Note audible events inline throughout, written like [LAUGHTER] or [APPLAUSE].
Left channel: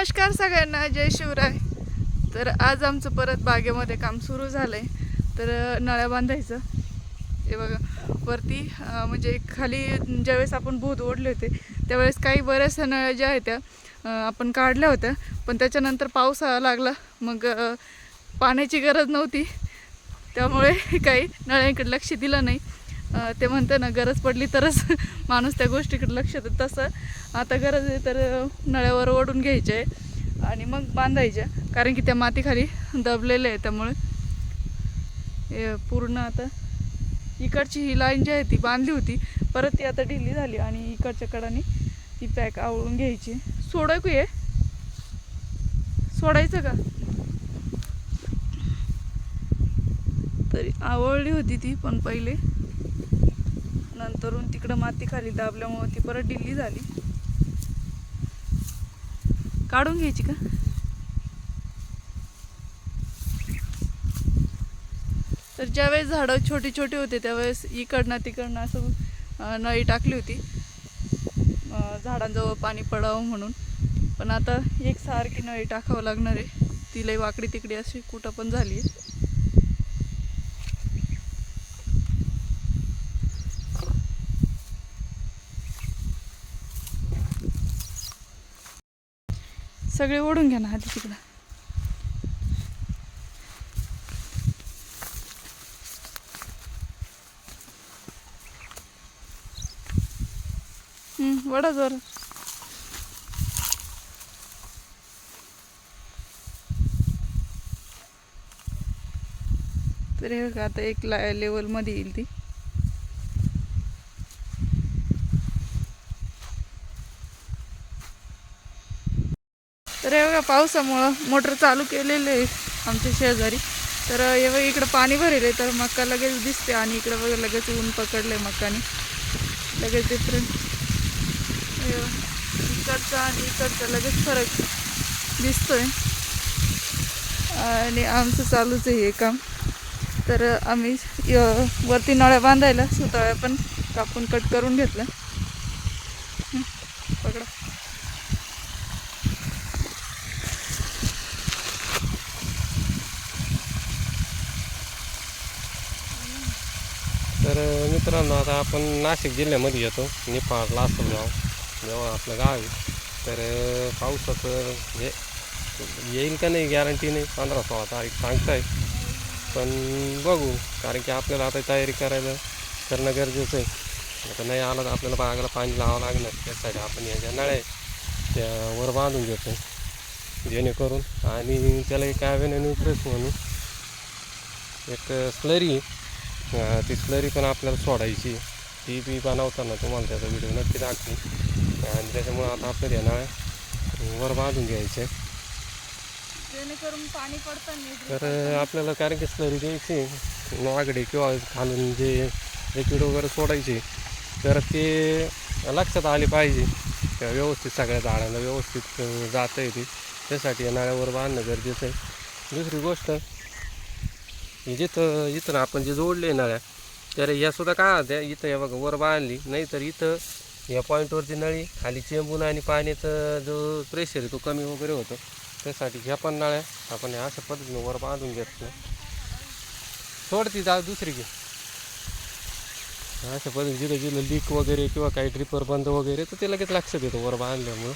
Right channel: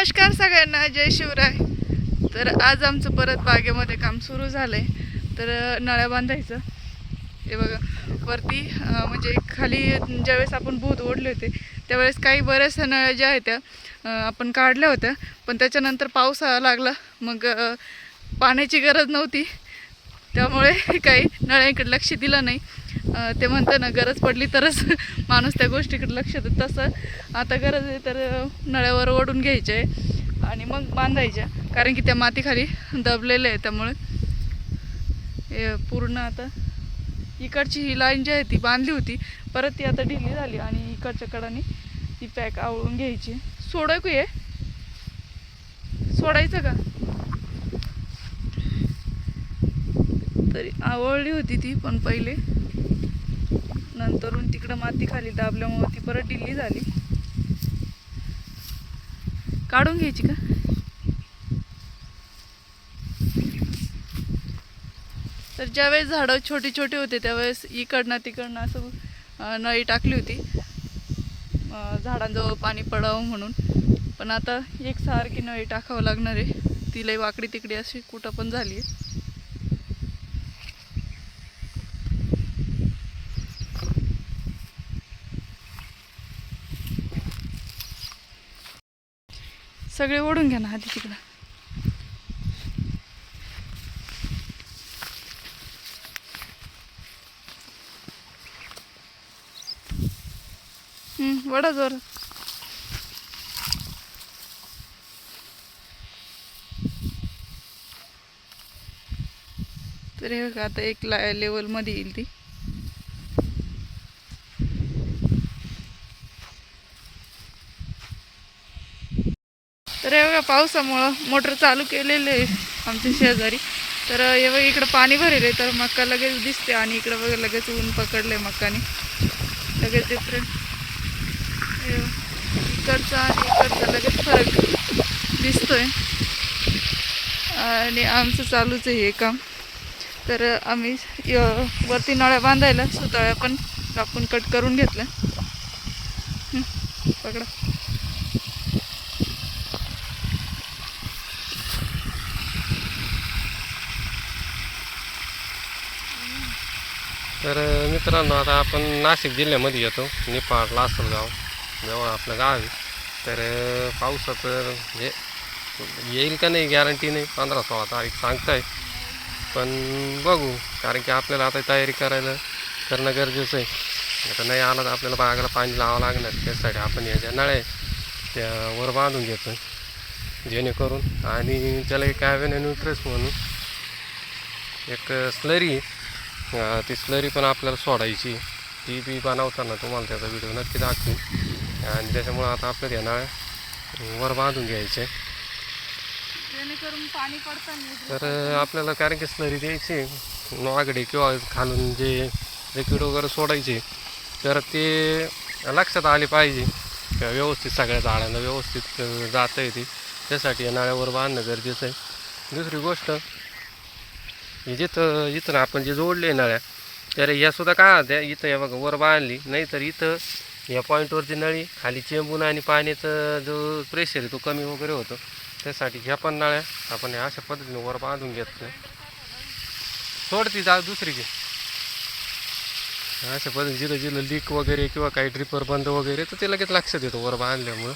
नमस्कार सगळ्यांना जय शिवराय. तर आज आमचं परत बागेमध्ये काम सुरू झालं आहे तर नळ्या बांधायचं. हे बघा वरती म्हणजे खाली ज्यावेळेस आपण भूत ओढले होते त्यावेळेस काही बऱ्याचशा नळ्या ज्या आहेत त्या आपण काढल्या होत्या. पण त्याच्यानंतर पाऊस लागला. मग पाण्याची गरज नव्हती. त्यामुळे [LAUGHS] काही नळ्यांकडे लक्ष दिलं नाही. ते म्हणतं ना गरज पडली तरच [LAUGHS] माणूस त्या गोष्टीकडे लक्ष देत. तसं आता गरज आहे तर नळ्यावर ओढून घ्यायचे आहे आणि मग बांधायच्या. कारण की त्या मातीखाली दबलेल्या आहे त्यामुळे. पूर्ण आता इकडची ही लाईन जी आहे ती बांधली होती परत ती आता ढिली झाली आणि इकडच्या कडाने ती पॅक आवळून घ्यायची. सोडायकू ये सोडायचं का? तरी आवळली होती ती पण पहिले नंतरून तिकडं माती खाली दाबल्यामुळे ती परत ढिल्ली झाली. काढून घ्यायची का? तर ज्यावेळेस झाडं छोटी छोटी होते त्यावेळेस इकडनं तिकडनं असं नळी टाकली होती. झाडांजवळ पाणी पडावं म्हणून. पण आता एकसारखी नळी टाकावं लागणार आहे. तिलाही वाकडी तिकडी अशी कुठं पण झाली आहे सगळे ओढून घ्या ना आधी तिकडं. वडा जोर तर हे आता एक ला लेवलमध्ये येईल ती. तर एवढ्या पावसामुळं मोटर चालू केलेले आहे आमच्या शेजारी. तर एवढं इकडं पाणी भरेल आहे. तर मक्का लगेच दिसते आणि इकडं बघा लगेच ऊन पकडलं आहे मक्काने लगेच डिफरंट इकडचा आणि इकडचा लगेच फरक दिसतोय. आणि आमचं चालूच आहे हे काम. तर आम्ही वरती नळ्या बांधायला सुताळ्या पण कापून कट करून घेतलं पकडा. तर मित्रांनो आता आपण नाशिक जिल्ह्यामध्ये येतो. निफाड लासलगाव जवळ आपलं गाव आहे. तर पावसाचं हे येईल का नाही गॅरंटी नाही पंधरा सोळा तारीख सांगताय. पण बघू कारण की आपल्याला आता तयारी करायला करणं गरजेचं आहे. आता नाही आलं तर आपल्याला बागाला पाणी लावावं लागणार. त्यासाठी आपण या ज्या नळ्या आहे, त्या वर बांधून घेतो जेणेकरून आणि त्याला एक ॲव्हेन न्यूट्रेस म्हणून एक स्लरी ती स्लरी पण आपल्याला सोडायची. ती बी बनवताना तुम्हाला त्याचा व्हिडिओ नक्की दाखवू. आणि त्याच्यामुळं आता आपल्याला येणार वर बांधून घ्यायचे. तर आपल्याला कारण की स्लरी द्यायची वागडे किंवा खालून जे लिक्विड वगैरे सोडायचे तर ते लक्षात आले पाहिजे. का व्यवस्थित सगळ्या झाडांना व्यवस्थित जाता येते. त्यासाठी या नळ्यावर बांधणं गरजेचं आहे. दुसरी गोष्ट म्हणजे जिथं इथं आपण जे जोडले नळ्या तर या सुद्धा काय द्या इथं या बघा वर बांधली नाही तर इथं या पॉईंटवरती नळी खाली चेंबून आणि पाण्याचा जो प्रेशर आहे तो कमी वगैरे होतो. त्यासाठी ह्या पण नळ्या आपण या अशा पद्धतीने वर बांधून घेत नाही. सोडती जा दुसरी घे. अशा पद्धतीने जिथं जिथं लीक वगैरे किंवा काही ड्रिपर बंद वगैरे तर ते लगेच लक्षात येतो वर बांधल्यामुळं.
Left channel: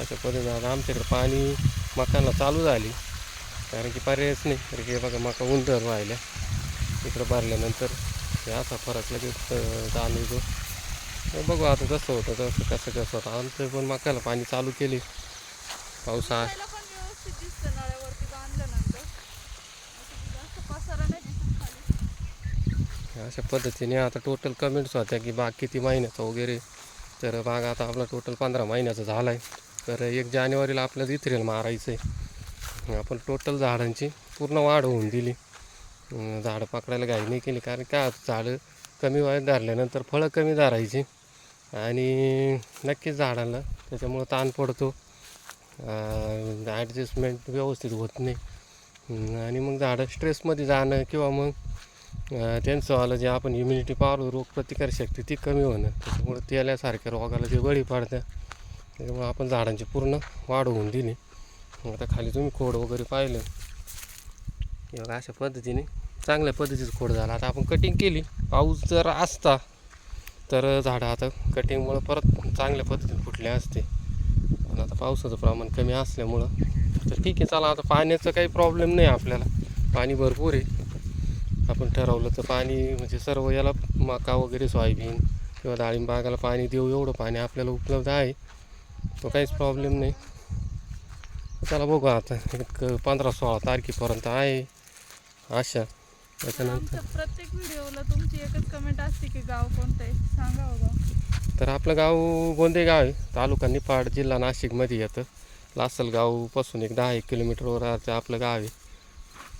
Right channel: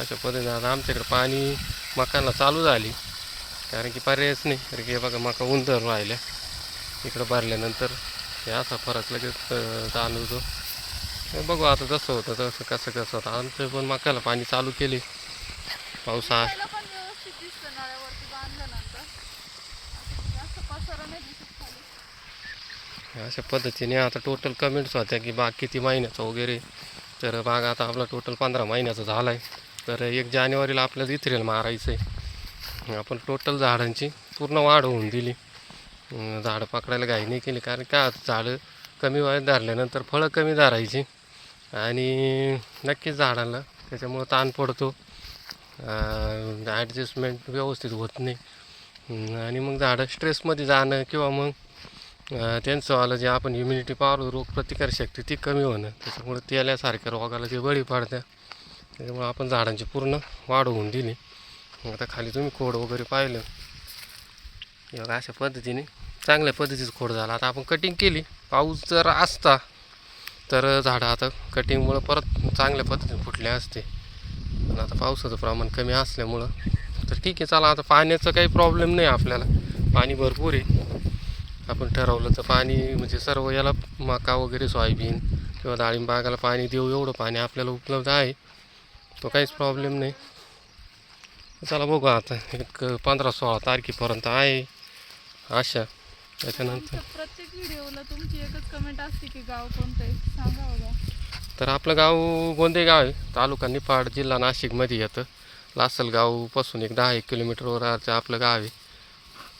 अशा पद्धतीने आता आमच्याकडे पाणी मकांना चालू झाली. कारण की पर्यायच नाही. कारण की हे बघा मका उंदर राहिल्या. इकडं भरल्यानंतर हे असा फरक लगेच जाणवतो. बघू आता जसं होतं तसं कसं कसं होतं. आमचं पण मकाला पाणी चालू केले. पावसा अशा पद्धतीने आता टोटल कमेंट्स होत्या की बाग किती महिन्याचा वगैरे. तर बाग आता आपला टोटल पंधरा महिन्याचा झाला आहे तर एक जानेवारीला आपल्याला इथरेल मारायचं आहे आपण टोटल झाडांची पूर्ण वाढ होऊन दिली. झाडं पकडायला घाई नाही केली कारण का झाडं कमी वयात धरल्यानंतर फळं कमी धरायची. आणि नक्कीच झाडांना त्याच्यामुळं ताण पडतो. ॲडजस्टमेंट व्यवस्थित होत नाही. आणि मग झाडं स्ट्रेसमध्ये जाणं किंवा मग त्यांचंवालं त्यांचं आलं जे आपण इम्युनिटी पावर रोग प्रतिकारशक्ती ती कमी होणं त्याच्यामुळे तेल्यासारख्या रोगाला जे बळी पडत्या त्याच्यामुळे आपण झाडांची पूर्ण वाढ होऊन दिली. मग आता खाली तुम्ही खोड वगैरे पाहिलं. बघा अशा पद्धतीने चांगल्या पद्धतीचं खोड झाला. आता आपण कटिंग केली. पाऊस जर असता तर झाडं आता कटिंगमुळं परत चांगल्या पद्धतीने फुटले असते. पण आता पावसाचं प्रमाण कमी असल्यामुळं तर ठीक आहे चला आता पाण्याचा काही प्रॉब्लेम नाही आपल्याला. पाणी भरपूर आहे. आपण ठरवलं तर पाणी म्हणजे सर्व याला मका वगैरे सोयाबीन किंवा डाळिंबागाला पाणी देऊ. एवढं पाणी आपल्याला उपलब्ध आहे. तो काहीच प्रॉब्लेम नाही. चला बघू आता. एक पंधरा सोळा तारखेपर्यंत आहे. आशा त्याच्यानंतर प्रत्येक व्हिडिओला तुमची एकच कमेंट असते की गाव कोणतं आहे? सांगा बघा. तर आपलं गाव गोंदे गाव आहे. तालुका निफाड जिल्हा नाशिकमध्ये येतं. लासलगावपासून एक दहा एक किलोमीटरवरचं आपलं गाव आहे.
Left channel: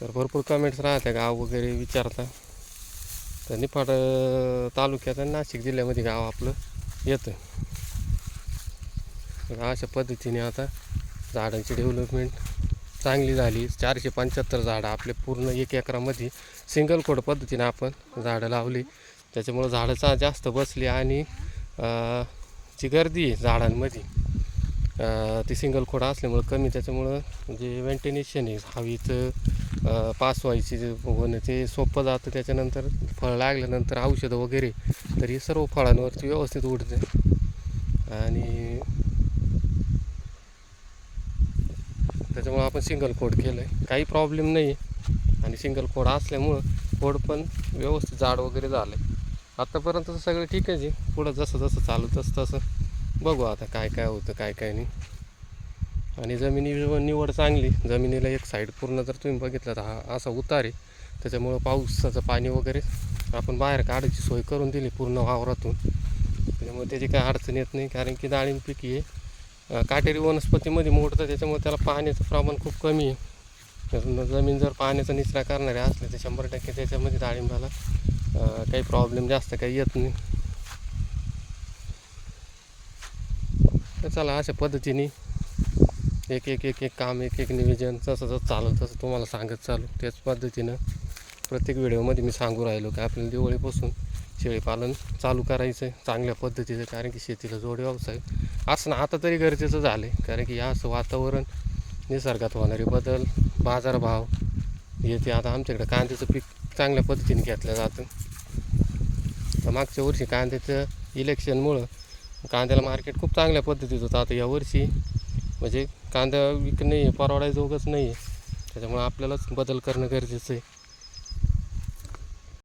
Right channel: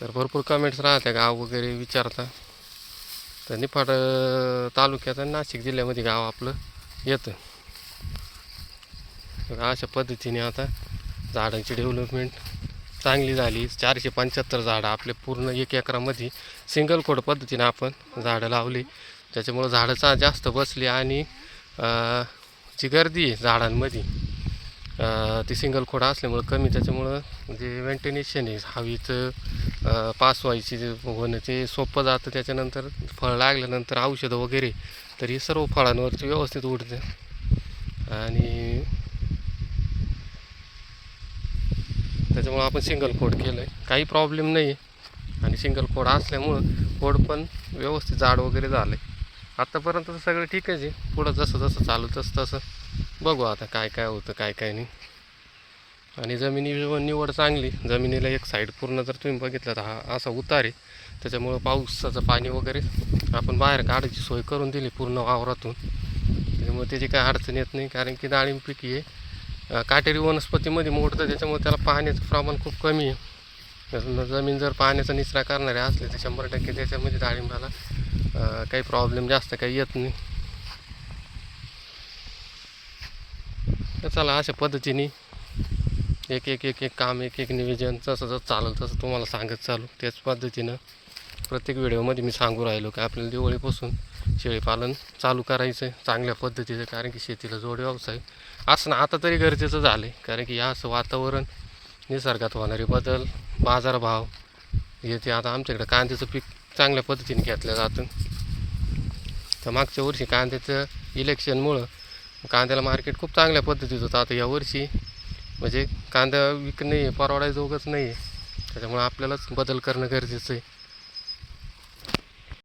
तर भरपूर कमेंट्स राहत्या गाव वगैरे विचारता. तर निफाड तालुक्यात आणि नाशिक जिल्ह्यामध्ये गाव आपलं येतं. अशा पद्धतीने आता झाडांची डेव्हलपमेंट चांगली झाली. चारशे पंच्याहत्तर झाडं आपले पूर्ण एक एकरामध्ये सिंगल खोड पद्धतीने आपण झाडं लावली. त्याच्यामुळं झाडं चा जास्त बसली आणि जी गर्दी आहे झाडांमध्ये ती सिंगल खोड असल्यामुळं कमी. त्याच्यामुळं जे वेंटिनेशन आहे हवीचं पास व्हायची होणं ते सोपं जातं. त्याच्यानंतर फळ लागल्यानंतर औषधं वगैरे तर हे सर्व फळांवरती व्यवस्थित उडतं. आणि त्याच्यामुळं आपण सिंगल कोड केलं आहे काही प्रॉब्लेम नाही आहे आणि सिंगल कोड असल्यामुळं कोड पण व्यवस्थित जाड वगैरे झालं आहे आत्तापर्यंत तर सगळं ठीक आहे. पुढं जसं जसं चालू तसं. तसं बघू आता काय काय होतं काय काय नाही. आणि जमिनी निवड चांगली. जमिनीला एक साईड पूर्ण जर तुम्ही बघितलं तर हा असा उतार आहे. त्याच्यामुळं पावसाचं पाणी वगैरे आपण बाहेर काढायची सोय करून दिली पूर्ण वावरातून. त्याच्यामुळे त्याची काही अडचण येत नाही. कारण की डाळिंब पीक आहे. काटेरी वनस्पतीमध्ये मोडतं त्याच्यामुळे त्याला पाण्याचं प्रमाण खूप कमी आहे. जमीन जर पाण्याचा निचरा करणारे असले तर शंभर टक्के त्याच्यामध्ये डाळिंबाला काही प्रॉब्लेम जास्त काही येत नाही. तर चला अशा पद्धतीने एक एक एक एक काम एक एक निवेदन जसं जसं चालू तसं तुम्हाला सांगत चालू. त्याच पद्धतीनं प्रत्येक व्हिडिओमध्ये मी सांगू राहिलो की आपल्याला दिवाळीपासून शेळीपालन चालू करायचं आहे चांगल्या पद्धतीचं कारण की शेतीला जोड व्यवसाय. असणं आता तरी गरजेचं झालं आहे कारण की या असं वातावरण निसर्गात होणारे बदल बाजारभाव हे ते आता आमच्याकडे कांद्याचं पीक चांगल्या पद्धतीने घेतलं जातं. तर मागच्या वर्षी कांद्याचं इलेक्शनमुळं कांद्याला मार्केट खूप चांगल्या पद्धतीचं होतं. आता यावर्षी म्हणजे कांदा विकणं परवडायचं उगच नाही आहे त्याच्यामुळं आपल्यालाच बदल करणं गरजेचं आहे.